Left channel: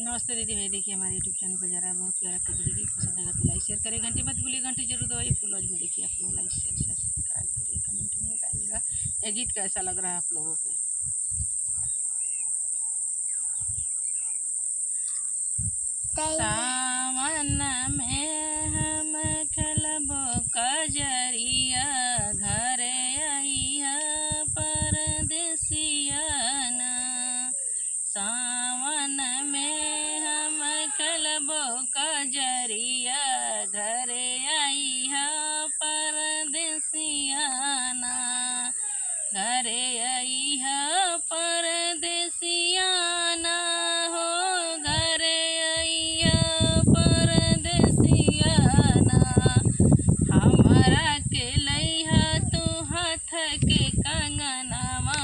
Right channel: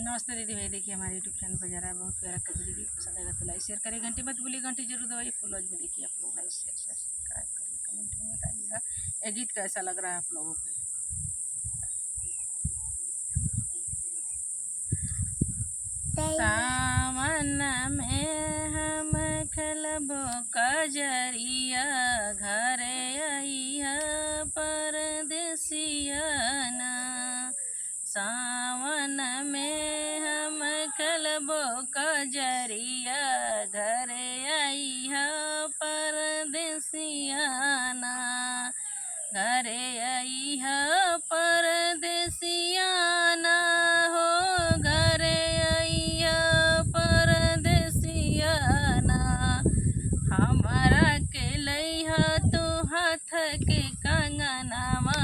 नमस्ते दीदी भाई, देखिए हमारे यूट्यूब चैनल पर जा रहा है बहुत प्यारा कजरी की। पसंद आएगा तो लाइक शेयर करिए, घंटी मत भूलिए, घंटी जरूर दबाइए। फॉलोअर्स में देखिए आप लोग, लाइक शेयर सब्सक्राइब करिए, कमेंट में बताइएगा ये गीत कैसा लग रहा है आप लोगों को। सावन में हम खेलबो कजरिया, घरे आइया परदेसिया ना। सावन में हम खेलबो कजरिया, घरे आइया परदेसिया ना। घरे आइया परदेसिया ना हो, घरे आइया परदेसिया ना। हमारा के लइहा तू हाथ के कंगनवा,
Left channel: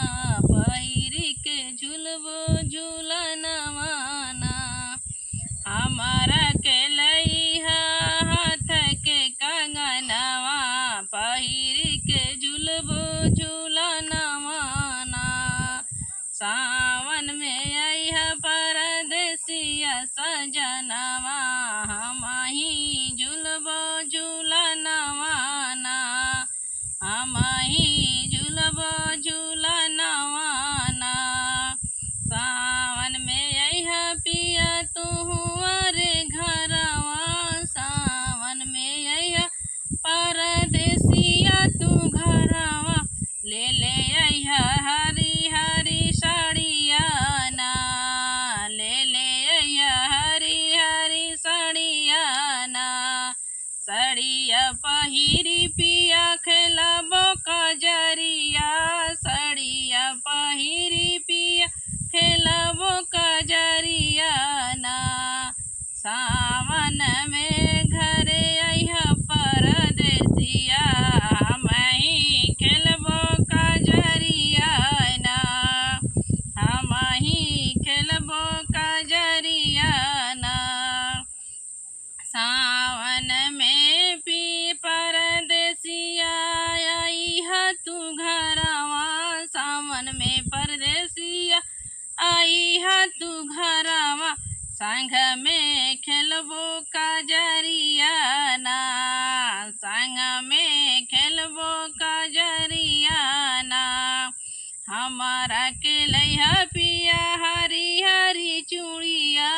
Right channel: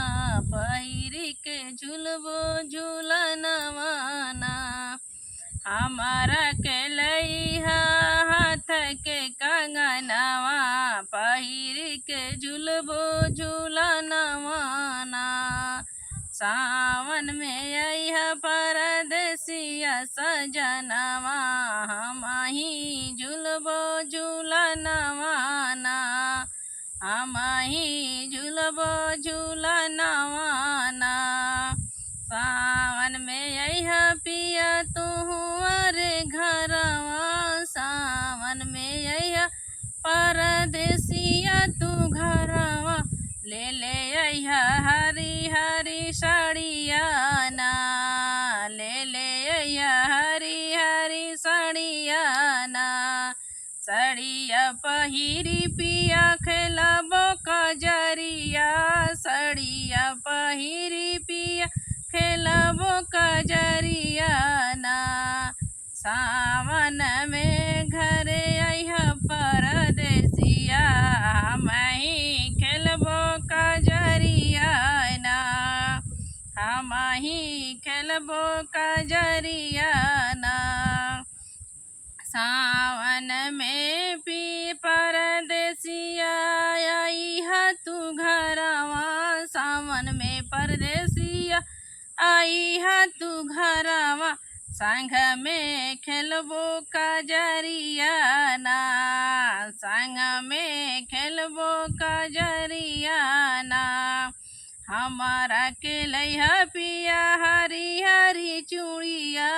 पहिरी के झुलबो झूलनवा ना। हमारा के लइहा हाथ के कंगनवा, पहिरी के झुलबो झूलनवा ना। सावन में अइहा परदेसिया सजनवा, हमही झुलबो झूलनवा ना। हमही झुलबो झूलनवा ना। सावन में अइहा पिया तू अरे घरवा, सावन में अइहा परदेसिया तू घरवा। ले अइहा हरी हरी साड़िया ना, ले अइहा हरी हरी साड़िया ना। साड़िया पहिरी पिया खेलबो कजरिया, साड़िया पहिरी पिया खेलबो कजरिया ना। सावन में घरे अइहा परदेसिया, हमही खेलबो कजरिया ना। हमही खेलबो कजरिया ना। सावन में पी परदेसिया आइहा तू घरवा, सावन में परदेसिया आइहा तू घरवा। संग में खेलबो कजरिया ना, संग में खेलबो कजरिया ना। हमारा के लइहा पिया हरी हरी चूड़िया,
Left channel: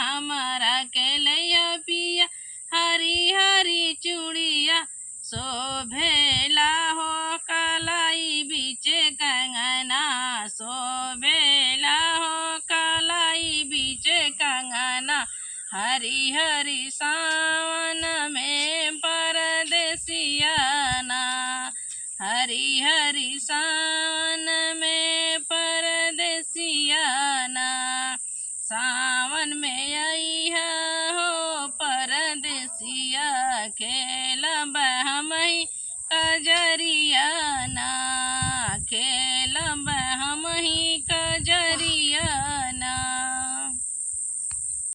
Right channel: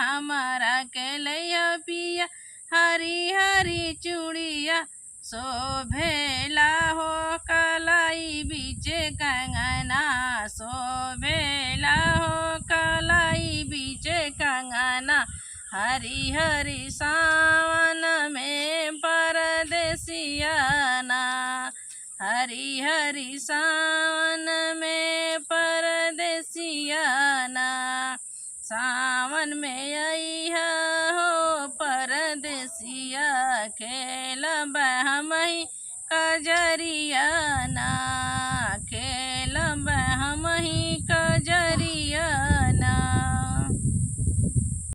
हमारा के लइहा पिया हरी हरी चूड़िया। शोभेला हो कलाई बीचे कंगना, शोभेला हो कलाई बीचे कंगना। हरी हरी सावन में परदेसिया ना, हरी हरी सावन में परदेसिया ना। सावन में अइहा हो परदेसिया, खेलब हमही कजरिया ना, खेलब हमही कजरिया